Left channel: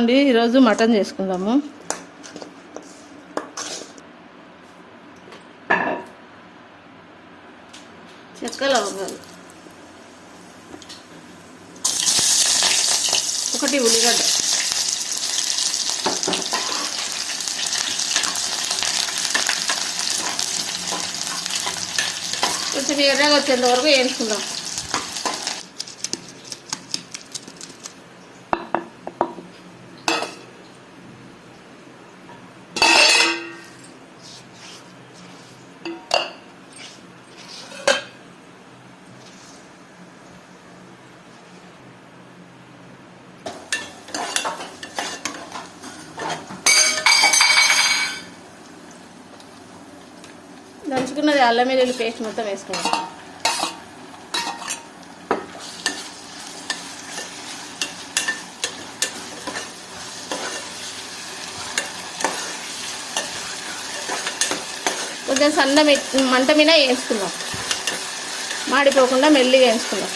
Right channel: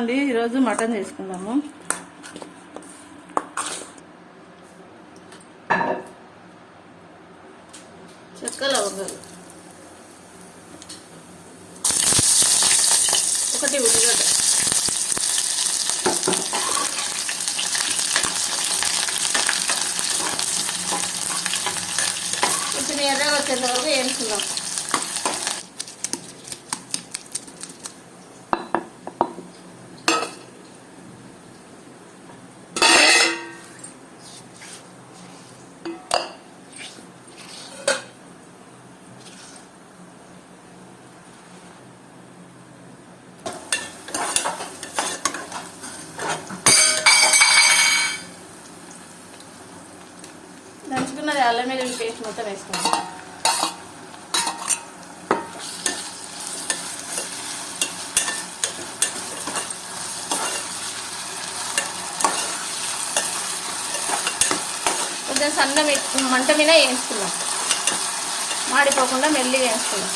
అండి, ఈరోజు మటన్ చేసుకుందాము. చెక్క లవంగాలు, ఒకటి ఉల్లిగడ్డ, కొంచెం ఎర్రగా వచ్చేంత వరకు వేయించుకుందాం. దంచుకున్నది అల్లం వెల్లుల్లి పేస్ట్ మొత్తం వేసుకోవాలి. కొంచెం సన్న మంట మీద వేయించుకుందాం, మాడిపోకుండా మెల్లిగా వేయించుకుందాం.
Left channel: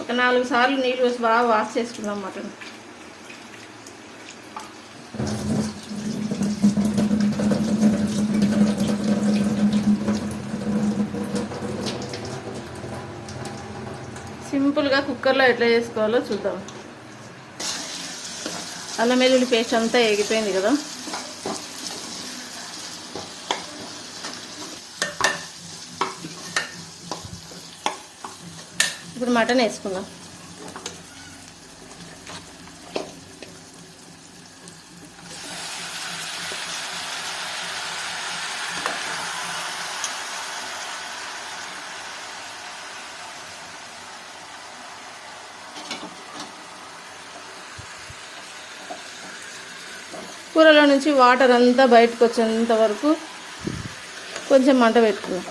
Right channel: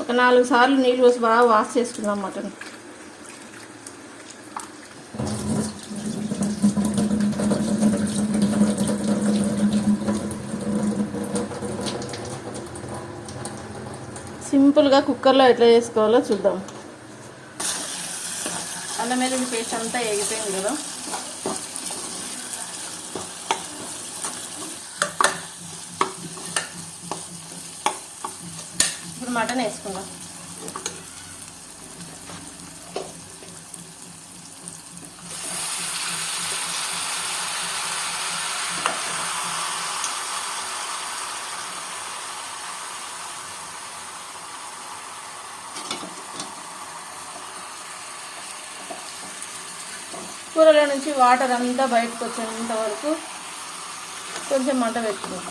ఒక 4 సార్లు నీళ్ళు పోసి బాగా వాష్ చేసుకుందాం మటన్. సింపుల్గా కుక్కర్లో ఎట్లా చేసుకోవాలో చూద్దాం. అల్లం వెల్లుల్లి పేస్ట్ అంతా ఎగిపోయింది కదా. ఇప్పుడు మటన్ వేసుకుందాం. కూరలో నుంచి వాటర్ అంతా బయటకు వచ్చేంత వరకు కొంచెం మంట పెట్టుకుందాం.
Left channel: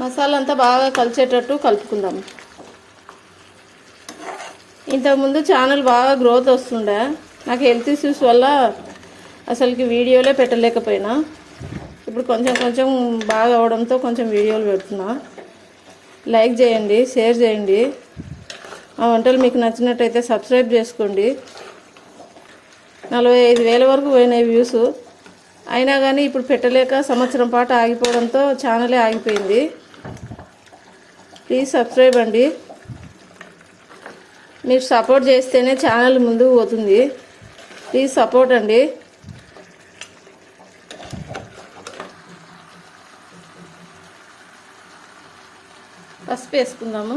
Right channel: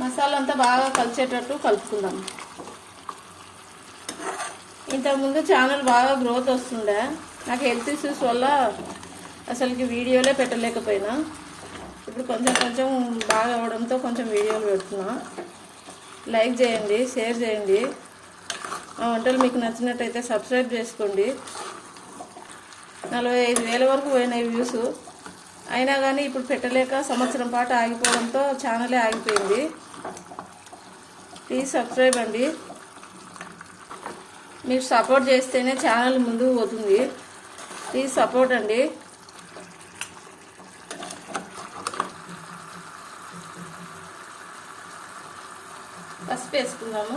మసాలా అంతా బాగా కలిసేటట్టు కలుపుకుందాం. ఇంతకుముందు ఛానల్ బాగా గ్రోత్ వస్తుండే, నాకు హెల్త్ ఇష్యూస్ వల్ల అసలుకి వీడియోలే పెట్టలేకపోయినా. ఇప్పుడు కొంచెం కొంచెం బాగా అవడంతో కొంచెం వీడియోలు పెడుతున్నా. లైక్ చేయండి, షేర్ చేయండి. ఆ వంటలు మీకు నచ్చినట్టయితే సబ్స్క్రైబ్ చేసుకోండి. 45,000 వరకు పోయినాయి వ్యూస్. అయినా కానీ ఇప్పుడు పెట్టలేక సంవత్సరం పాటు ఆగిపోవడంతో ఛానలే ఆగిపోయింది. ప్లీజ్ సబ్స్క్రైబ్ అండి. మీరు సపోర్ట్ చేస్తేనే ఛానల్ ముందుకు పోతుంది. ప్లీజ్ సపోర్ట్ అండి. పసుపు వేసుకుందాము.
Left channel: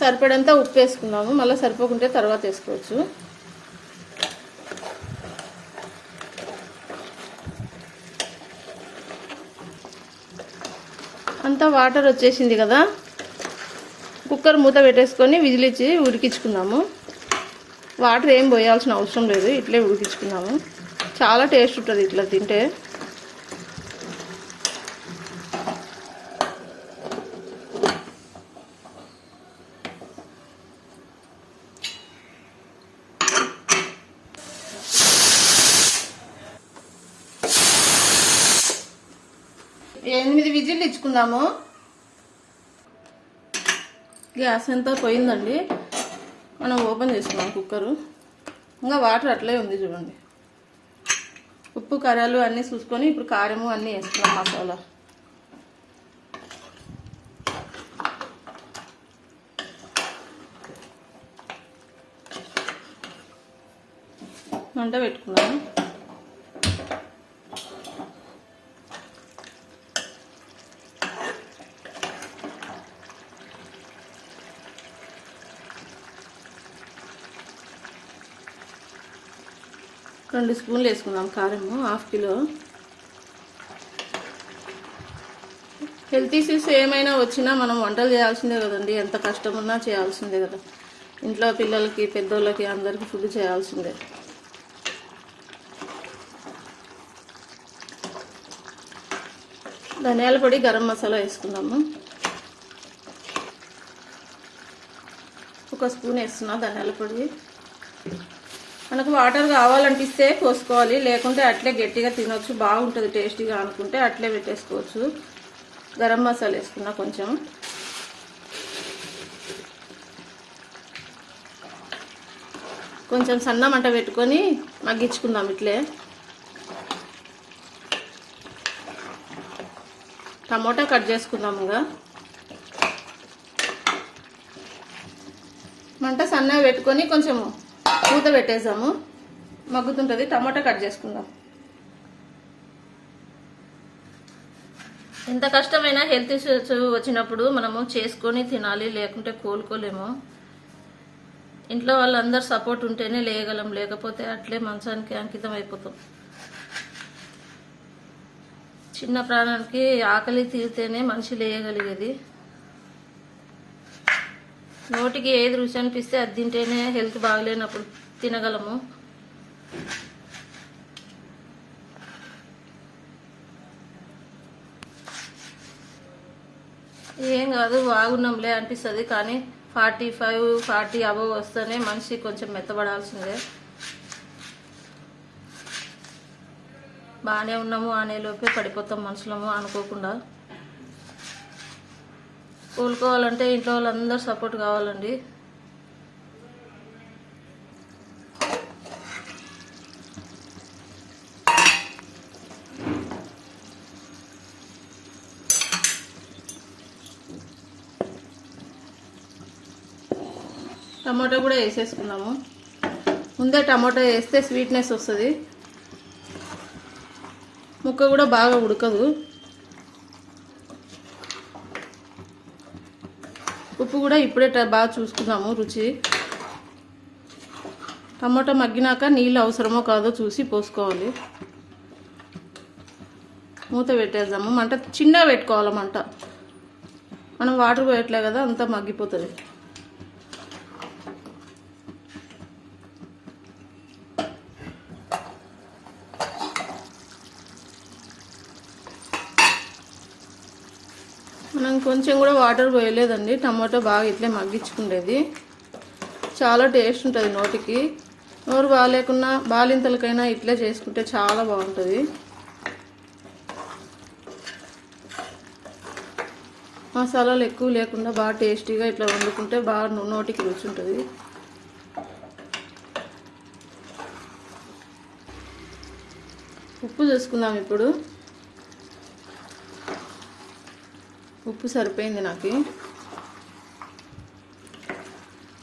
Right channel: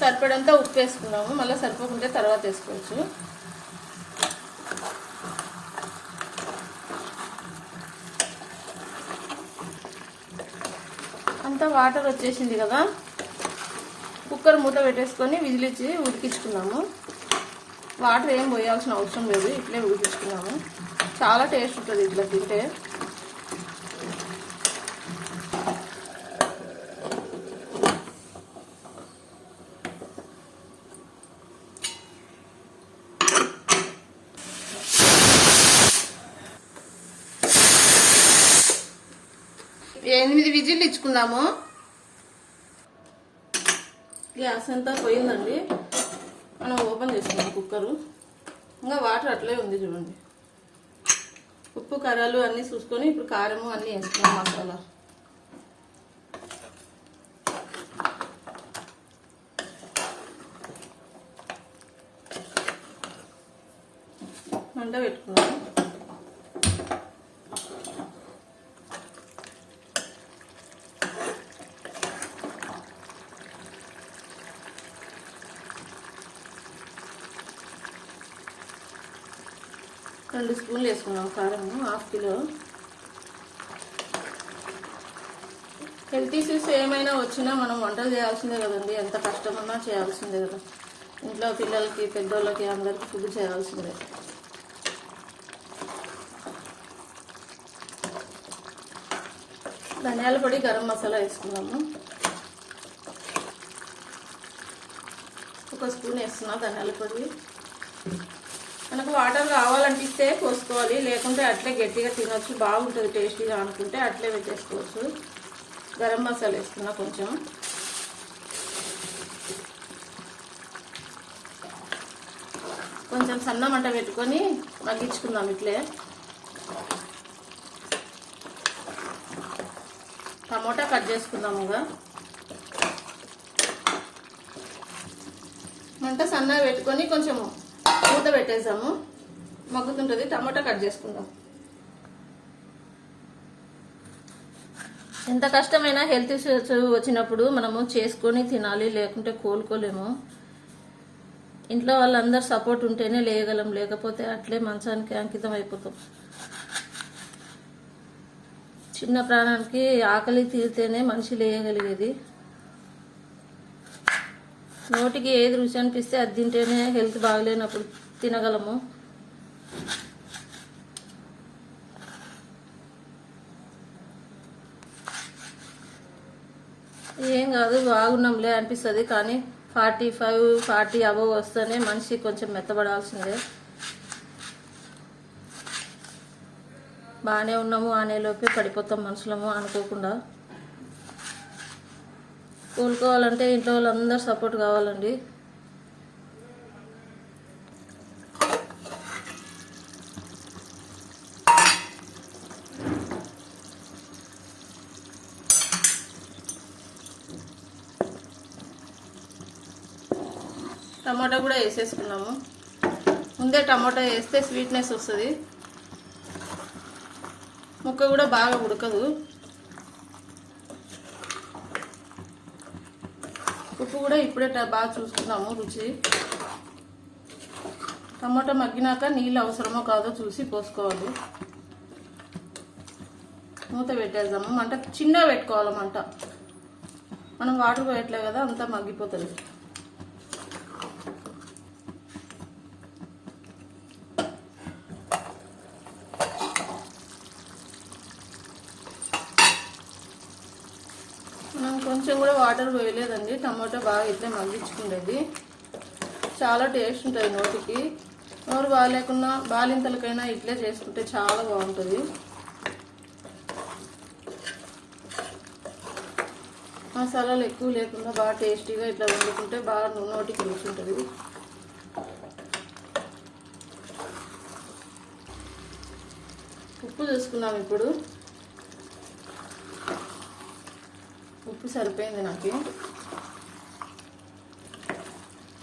సరిపడంతా ఉప్పు వేసుకుందాము, మళ్ళీ సరిపోకుంటే తర్వాత వేసుకోవచ్చు. అంతా వాటర్ వచ్చేసింది కదా. కుక్కర్ మూత పెట్టేసుకొని విజిల్ ఇచ్చి ఉడికించుకుందాము. వాటర్ ఏం పోయాల్సిన అవసరం లేదు, ఇట్లే ఉడికించుకుందాము. చాలా టేస్ట్ ఉంటుంది ఇట్లా తింటే. ఎనిమిది విజిల్ ఇచ్చుకుందాము. గ్యాస్ అంతా పోయిందండి. మనం ఓపెన్ చేసుకున్నాం కుక్కరు. ఇంకా వాటర్ అట్లే ఉంది చూడండి. ఉప్పు కారాలు అన్నీ చూసుకొని ఇప్పుడు కారము అన్నీ వేసుకున్నాం. మసాలా మంట పెట్టుకున్నాము. 2 స్పూన్లు వేసుకున్నాం కారము, 1/2 కిలో. హెల్త్ ఇష్యూస్ ఏమైనా వచ్చినా మనం వంటలు చేయాల్సిందే కదండి. ఎంత కష్టం ఉన్నా చేయాల్సిందే కదా. ఇంట్లో పిల్లలకి, పెద్దోళ్ళకి అందరికీ ఫుడ్ చేయాల్సిందే. ధనియాల పొడి, గరం మసాలా వేసుకున్నాము. 1 స్పూన్ వేస్తున్నా ధనియాల పొడి. మనకు వాటర్ కావాలనిపిస్తే పోసుకోవాలి, లేకుంటే అట్లే గట్టిగా తినొచ్చు, బాగుంటుంది టేస్టీగా అనుకుంటే అట్లే పెట్టేసుకోవచ్చు. గరం మసాలా వేసుకున్నా కొంచెం. కొంచెం సన్న మంట పెట్టుకొని మగ్గించుకుందాం ఇట్లే. టమోటా కట్ చేసుకుందాముగా. మంట సన్నగా పెట్టుకొని కొంచెం మూత పెట్టేసాము, మగ్గుతుంటుంది. టమాటా కట్ చేసుకుందాం. ఎంత కష్టమైనా హెల్త్ ఇష్యూస్ వచ్చినప్పుడు మనము చేసుకొని తినాలి, లేకుంటే కోలుకోలేము. ఇంట్లో వాళ్ళందరూ సపోర్ట్ ఉంటేనే లేయగలం, లేకపోతే అట్లే మంచానికి అంకితం అయిపోతాం. చిన్న ప్రాణానికి ఆకలి తీరితేనే మనిషి లేయగలిగేది. నోటికి ఏది రుచి అనిపిస్తే అది తింటేనే హెల్త్ బాగలేనప్పుడు తినగలము. ఏం కాదు, బాగున్నాంలే అనిపిస్తుంది. కానీ 45, 40 అబవ్ వస్తేనే మనిషి కొంచెం మెత్తబడాల్సిందే. బాగానే ఉన్నాము అనేలోపే పడిపోతాం మనుషులము అనుకోకుండా. కోలుకోవాలంటే ఇంట్లో వాళ్ళందరూ సపోర్ట్ కావాలండి. టమాటా కూడా వేసేసుకున్నాము. ముందే టమాటా వేస్తే స్వీట్నెస్ వస్తుంది, ముక్క కూడా బాగా ఉడకదు. ఉప్పు కూడా ఇప్పుడే బాగా చూసుకున్నాము రుచి. టమాటా మగ్గినాక నీళ్ళు అవసరమో కాదో చూసి పోసుకోవాలి. మూత పెట్టేద్దాము. మంట చిన్నగా పెట్టుకోవాలి. మంట మనం వాటర్ పోయట్లే కదా, అంతా మగ్గిపోతుంది. మనం కొంచెం కూడా వాటర్ పోయలేదండి. టమాటో బాగా ఇట్లే మగ్గించుకునేది. చాలా టేస్ట్ ఉంటుంది నోటికి. నోరు బాగాలేకున్నా బాలింతలకైనా ఇట్లే చేసుకుంటే చాలా బాగుంటుంది. మసాలాలు ఎక్కువ లేకుండా బాగా టేస్టీగా ఇట్లా వండుకుంటే బాగా నోటికి రుచి ఉంటుంది. ఉప్పు చూసుకుందాం ఇప్పుడు. ఉప్పు సరిపోయింది నాకు.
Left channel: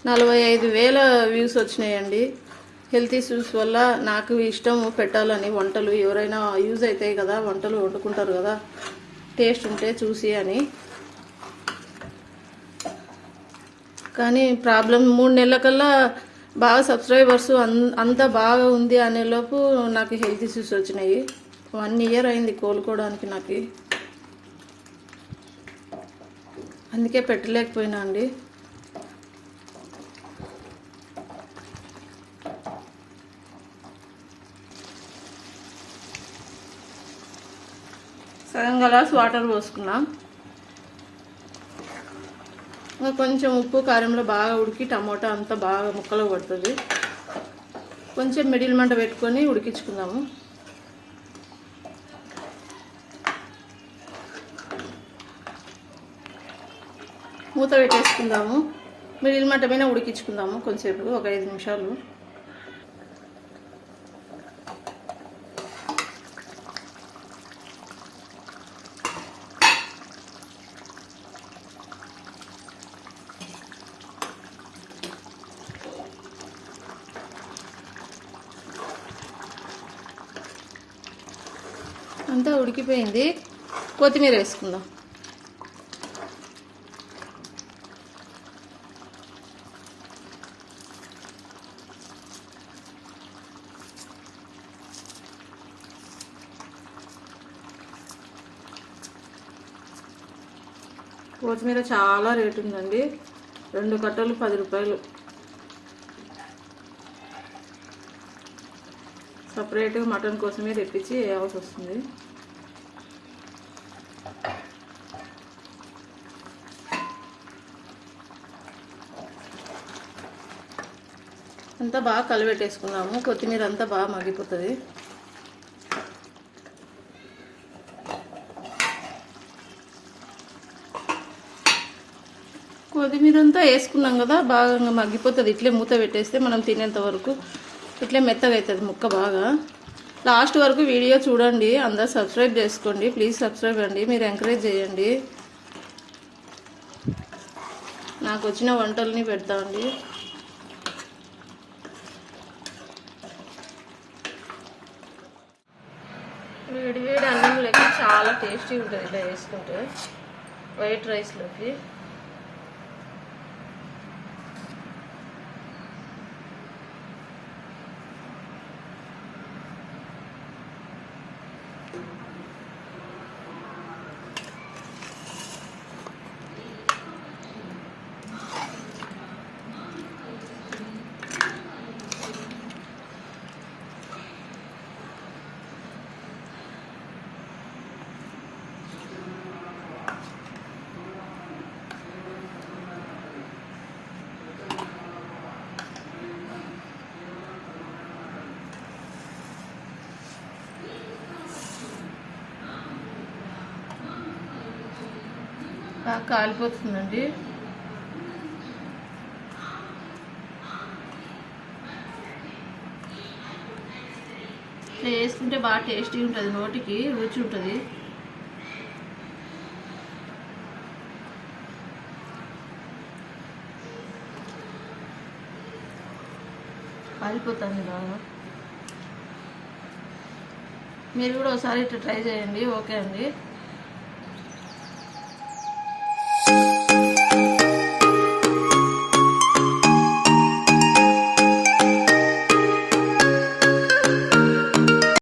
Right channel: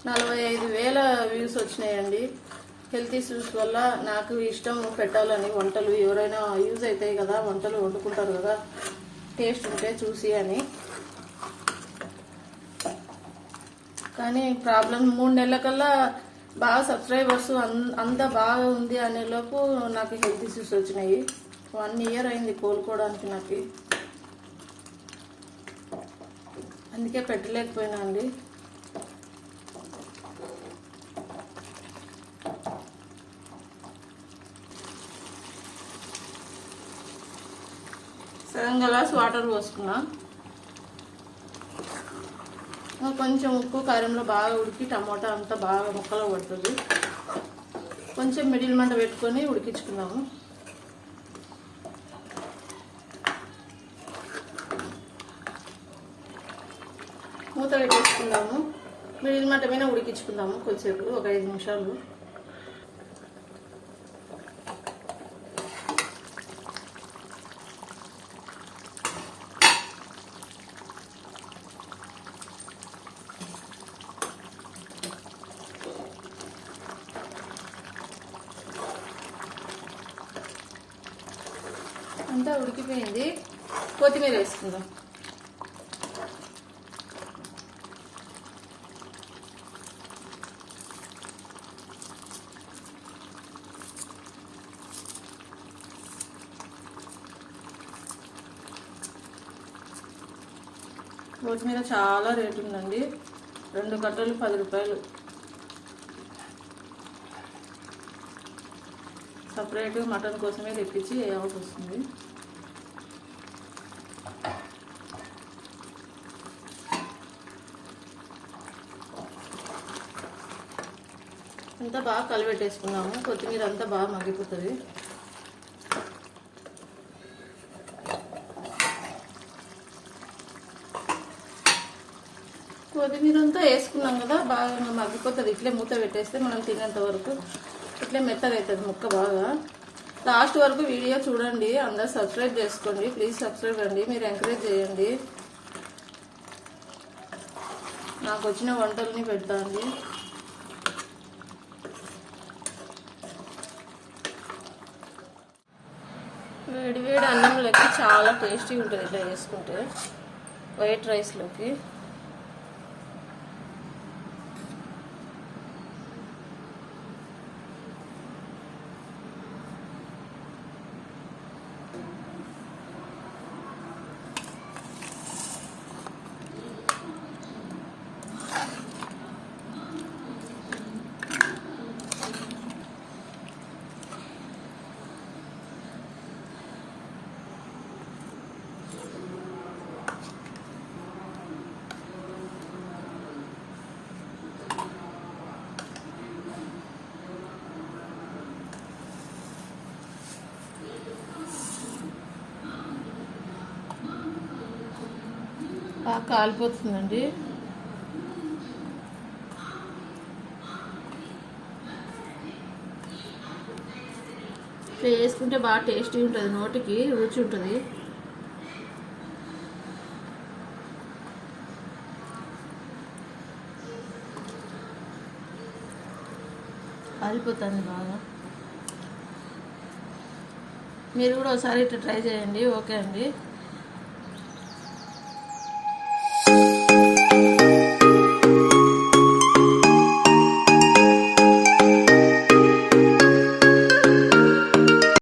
45,000 వ్యూస్ వచ్చినాయండి. హెల్త్ ఇష్యూస్ వల్ల నాకు ఇష్టం పెట్టాలని వంటలు. ఎవరైనా యూజ్ అవుతాయి కదా, వంటలు వండుకుంటారు కదా, టేస్ట్ ఉంటే చూసి అని. కానీ ప్రాబ్లం 3 నెలల కల్లా బాగా సబ్స్క్రైబర్స్ అంతా బాగా ఉంది అనేలోపు నాకు హెల్త్ ఇష్యూస్ వచ్చినాయి. 1 ఇయర్ అయింది కోలుకోవడానికి నాకు. అందుకే పెట్టలేకపోయినా అండి. సగం గ్లాస్ వాటర్ పోసుకున్నా. ఇంకా కొంచెం ఉప్పు కారంలో బాగా ఉడికి టమాటా అంతా బాగా ముక్కలు పడుతుంది. కొంచెం మిడిల్ మంట పెట్టుకొని ఉడికించుకుందాము. మూత పెట్టేసుకుందాము. మిడిల్ మంట పైన ఉడికించుకుందాము కొద్దిసేపు, ఒక 5 నిమిషాలు. అంతా ఉడికిపోయింది. కొత్తిమీర వేసుకుందాం. కొత్తిమీర చాలా రేటు ఉందండి, 2 కట్టలు 10 రూపాయలు. సపరేట్గా మటన్ కోసమే తెప్పించి వేయాల్సి వస్తుంది. అంతా బాగా కలిపెట్టేసుకున్నాము. కొత్తిమీర అంతా బాగా మగ్గిపోతుంది. కొత్తిమీర అంతా వేసుకున్నాం కదా, బాగా మగ్గిపోతుంది. ఇట్లే మూత పెట్టేస్తే మనం తినేంత వరకు ఇట్లే మెత్తగా అవుతుంది ముక్క బాగా. లాస్ట్ వరకు వీడియో చూడండి. అందరూ సబ్స్క్రైబ్ చేసుకోండి, ప్లీజ్ సబ్స్క్రైబ్ అండి. మీరు ఎంకరేజ్ చేయండి. నాకు వచ్చిన వంటల్ని పెడతా అండి. వేడి వేడి అన్నంలోకి చాలా టేస్టీ ఉంటుంది ఇట్లా వేసుకుంటే, వైట్ రైస్లోకి. బాగా కాలిపోతుందండి. ఇట్లా వేసుకుంటే బాగా టేస్టీ ఉంటుంది, నోటికి రుచి ఉంటుంది. కాలిపోతుంది బాగా. మీరు కూడా ఒకసారి ఇట్లా ట్రై చేయండి. ఓకే అండి.